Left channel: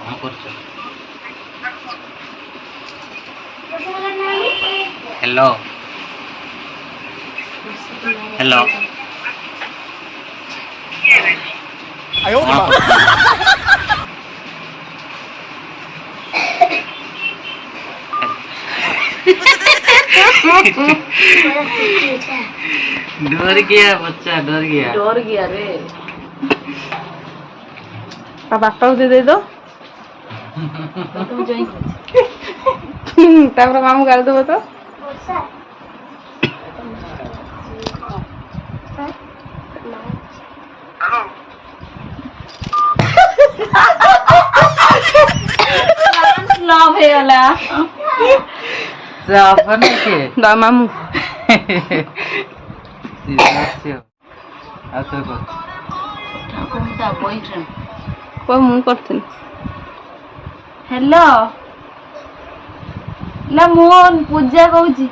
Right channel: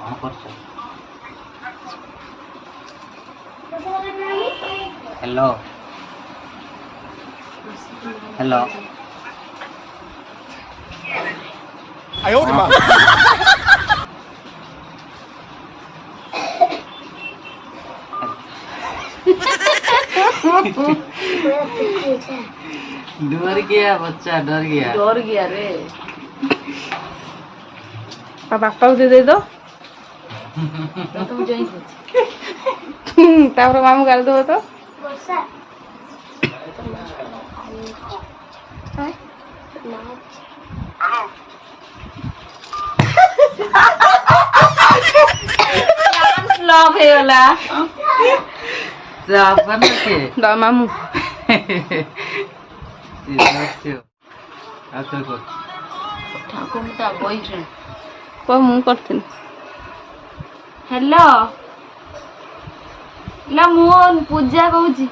हाँ कौन कर हेलो हेलो डर गया बच्चा डर गया रे बापा को दे दो तापर मामू गाली देव तो लव हे वाला जापान के दा मामू को मु करथिन हेलो ला मोहन पूजा कहूची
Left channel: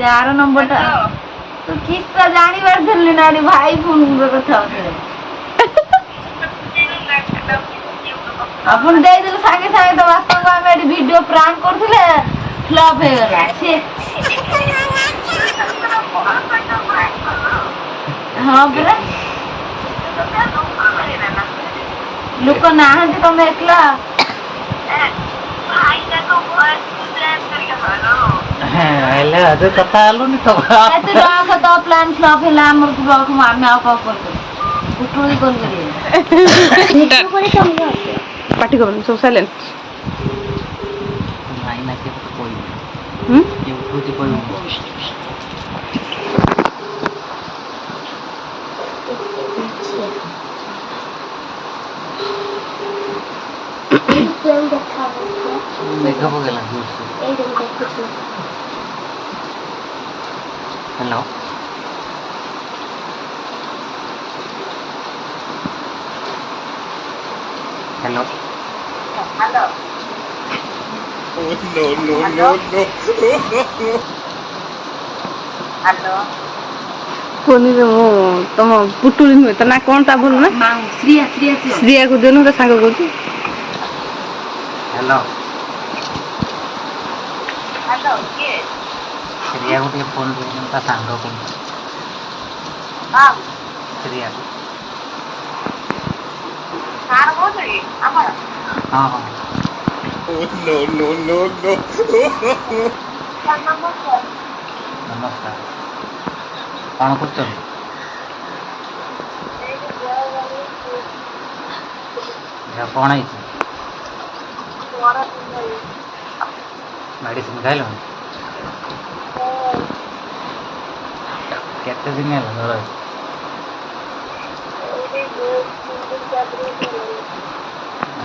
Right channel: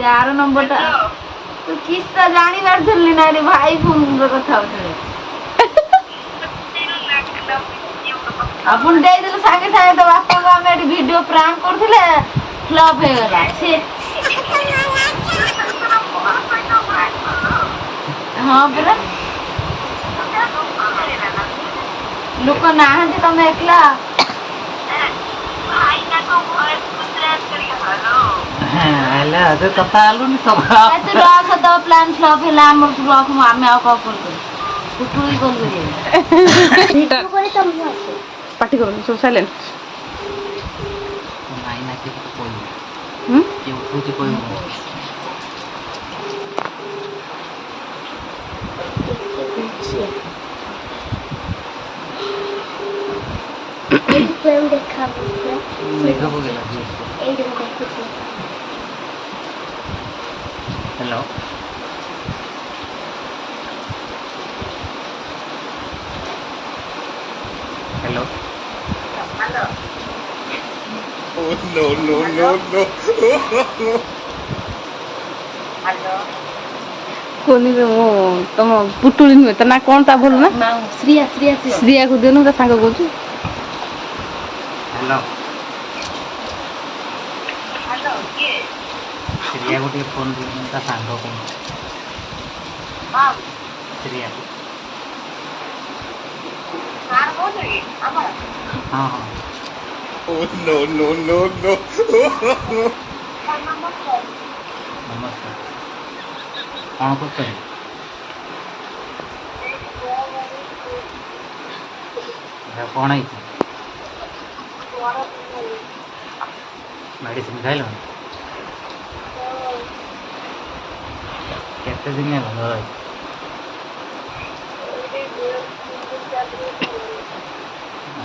4 नंबर टा तू किस्सा जानी बार थले ना रे भाई फोन रो कथा होतले अपन दे दिल संगे संगे तो वास्तव में हम एडी वीडियो प्रैंक करथिले फ्लॉप हे गला से हां बरा लोक नाहंते तमे एकला भाई का तो वॉइस प्लान करके हलो हां एले अजे कथा आलु नि तो तू राख तो प्लान फ्लॉप हेला हमर तू राख मामे आ का कर कुटुई कॉल करिए पार्टी करो सब साइलेंट नहीं ना के तो कोई ये उठो कोई देखा होगा ना hello hello hello Oh no no no no hello कोनी रे मो तम पुटुली न त ना कोन ता बोल ना श्रिया श्रिया श्रिया को देनु त सांग को हेलो हेलो के श्रिया को टे फोन दियो ता सांग को हां श्रिया को कार बोल रे हमर हां हां Oh no no no no नमस्कार कौन करछन या कौन आई मेडिसिन खाइल केते दिन है लगा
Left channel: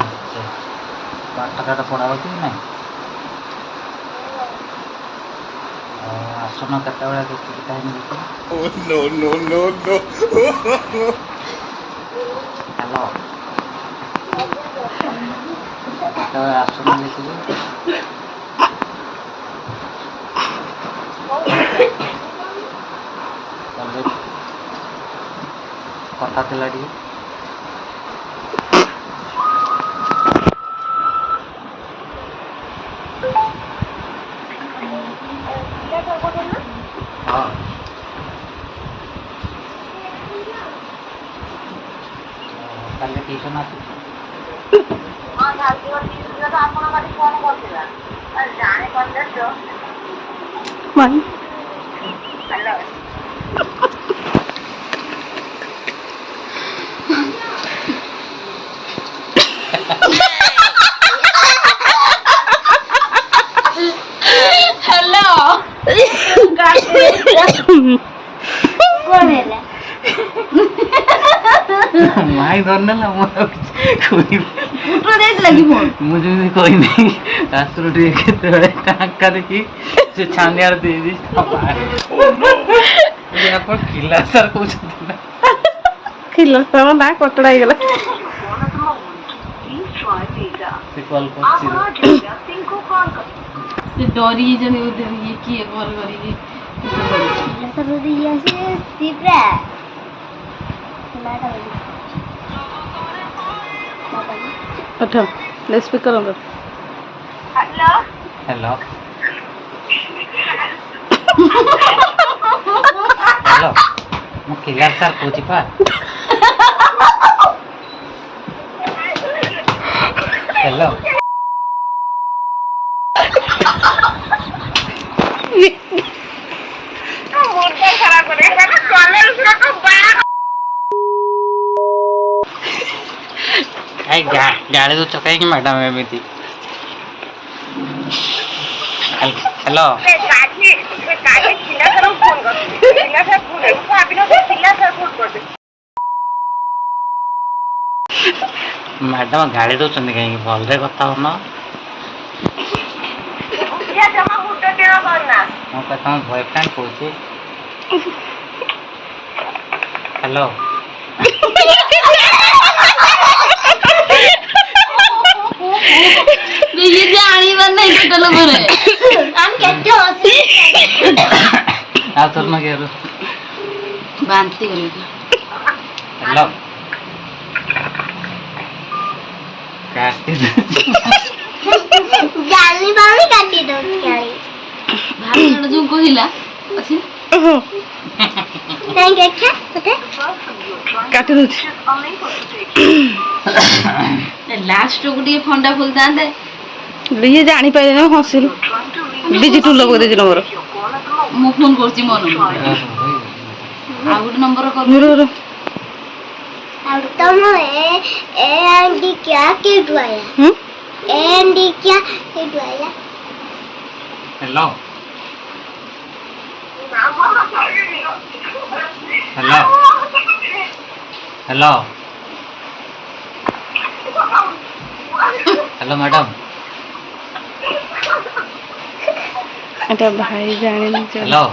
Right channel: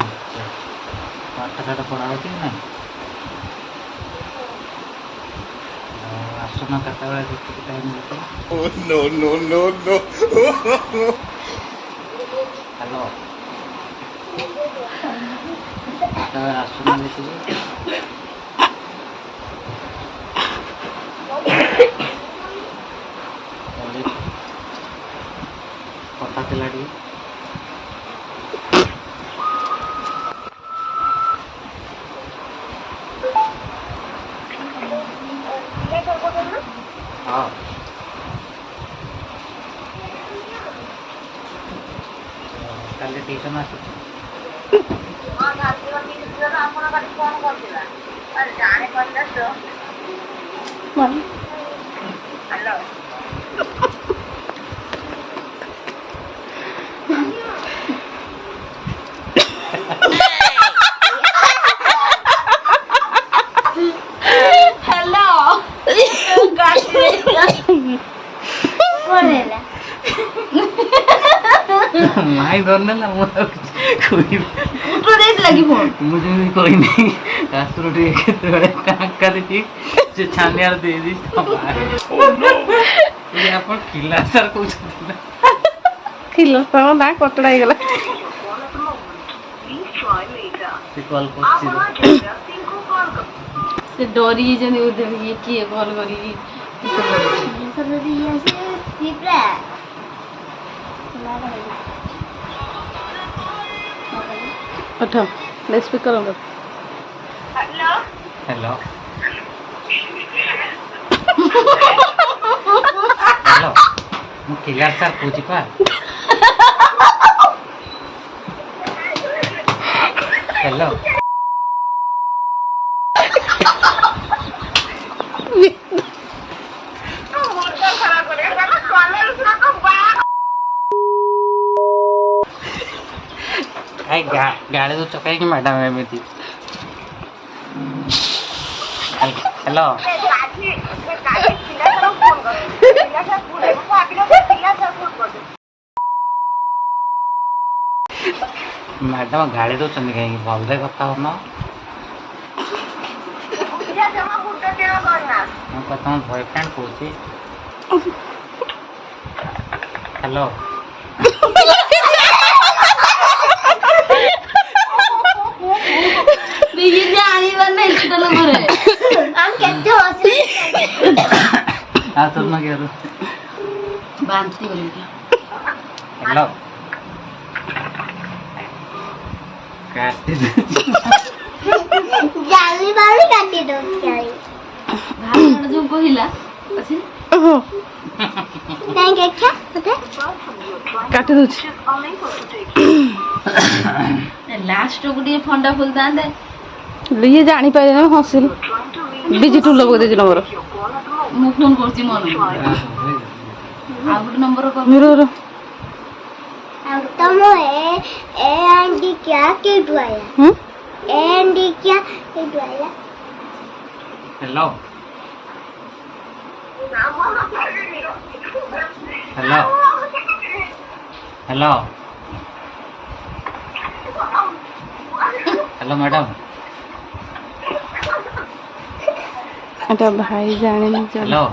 अच्छा पाठ का पढ़ा होती नहीं आसना कता बेला देखि टाइम देखि Oh no no no no hello तो आसना देखि कथा थिला डी हाँ कल ट्यूशन आसी हां गाली और वीडियो तो आपन बारी फोन करथिला अरे जाने पड़ले तो मन हेलो हेलो बोलेला माई धरने ना कोई उठो देख लगी फोन मुझे कोई नहीं रास्ते टे केते टाका देखी से छानियार दे दी ये पर किला सर कुछ खिलो सब ना कटड़ा ही गला से कॉल करछि से डरी जनी उधर ये किए कॉल करी सब दिया से सिप्रा माता उठो ले स्पीकर ऑन कर हेलो हेलो हेलो ମୁଁ କିଲାର ସାର୍ କହୁଛି ପା हेलो मुंडा खराब करेगा ना कॉलेज को बाहर କାଇଁ ଗାଳି ଦଉଛ କାହିଁକି ମ୍ୟାଡ଼ାମ ଏମିତି हेलो गाड़ी खिला सर फोन कर खिला सर फोन है वो अभी ना खिला सर फोन कर दे मैडम गाड़ी दौरान कहीं भले कथा होना या जमा मुंडा तेरा करना मैं तुम बॉयफ्रेंड कौन हेलो ये जानी बंदा इसको लो बोले हम कहते हो आ तो ना क्या बांधती करेगी हेलो काटी दे जानी बाली काटी दो क्या भाई जो कहिला अछि नहीं देखा पता काटी दउछि लास्ट गुडी फंडा फुलता दे लिए जानी पाइले ना हसिल डिजिटल लगो दे नंबर मु फोन करछि मन आ गुडी नंबर कर मेरो अब तुम ए एंडी क्या के द्वारा एंडी क्या के द्वारा hello hello hello hello madam अरे भाई जाने नहीं चल हेलो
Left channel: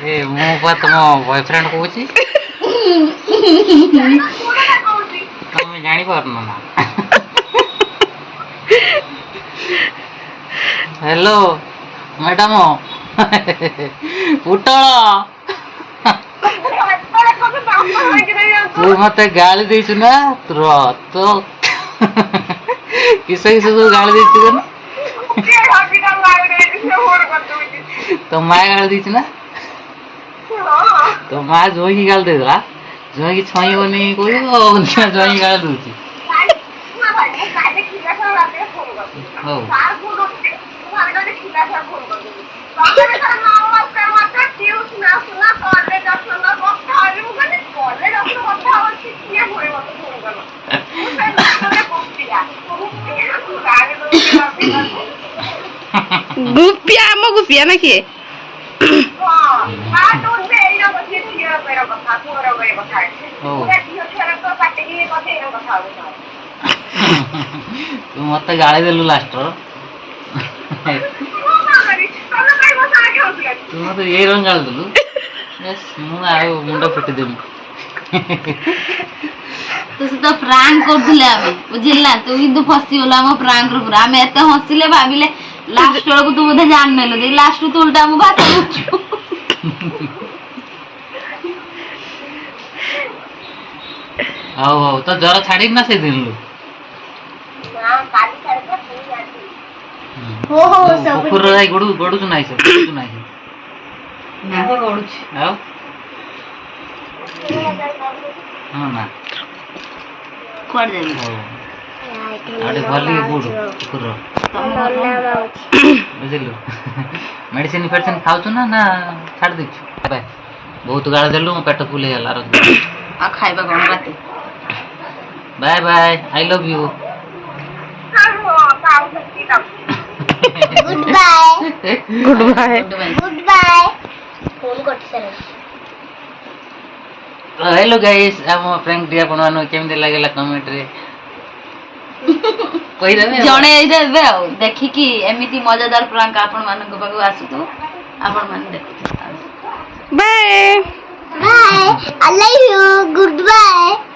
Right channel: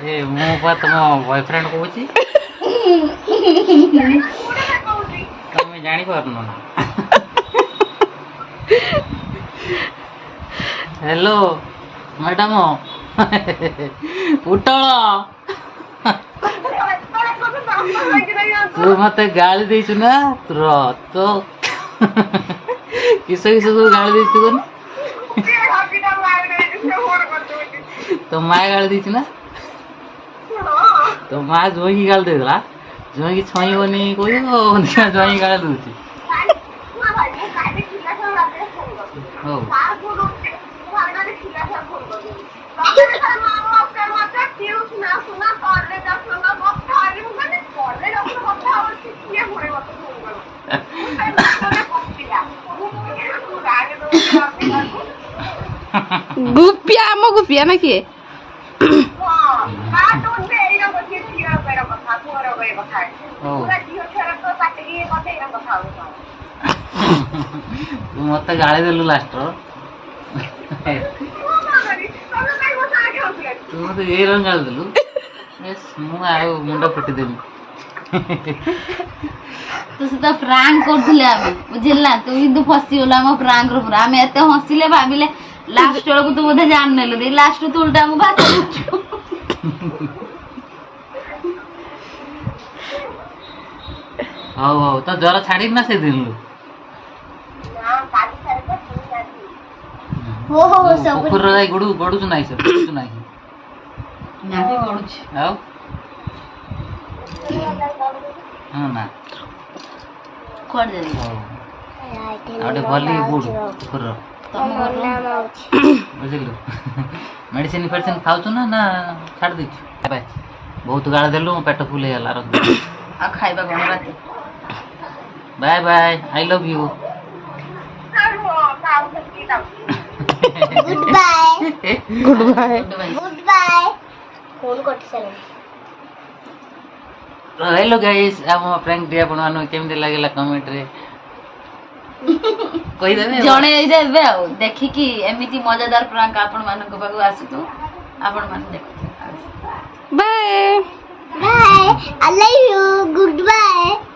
ए मु पा तुम बॉयफ्रेंड कहूची तुम जानी पारनो ना हेलो मैडम पुटल तू मत गाली देछु ना तो किस सब गाली देछु ना तो माँ गाली देछु ना तो माँ जोई की गाली देला जोई की छई बनी कोई जोई की गाली दूची हो गुपिया मो गुपिया ना किए तू मत गाड़ी देलु लास्ट तू मत ये रंग गाड़ी देलु यस मु आ मुंडा फुटी देबी तो सीधा प्रैंक करथिले आमे बुझिला तू किंतु फसी होला हम प्रैंक रो पूरा आमे एते हसिले भाबिले लास्ट बेला को तू बोधे जान नेलो दे लास्ट तू उल्टा हम बात करछु हाउ हाउ तो जरा छाड़ी ना से दिलु हो हो सब कुकुर रे गडू गडू नाही सर गडू नाही ना को गडुछ हाउ हां ना कोड देबी आडे भली बुडू कुकुर बुझिलु मेडिसिन फेडिसिन खाउछु ना ना छाड़ दिछु बाय बहुत गाळ देलु मो पेट फुल हेला रख आ खाइबा कोन राते bye bye I love you goodbye goodbye goodbye phone करछ हेलो गाइस हम प्रैंक डी आपण मानु केमते लागेला कमेंट रे कहि देबे जणे आई देबे आ देखि कि एमिति मजेदार प्रैंक आपण मानक पाखु आसु तो आपण मान देखो bye bye, I love you, good bye.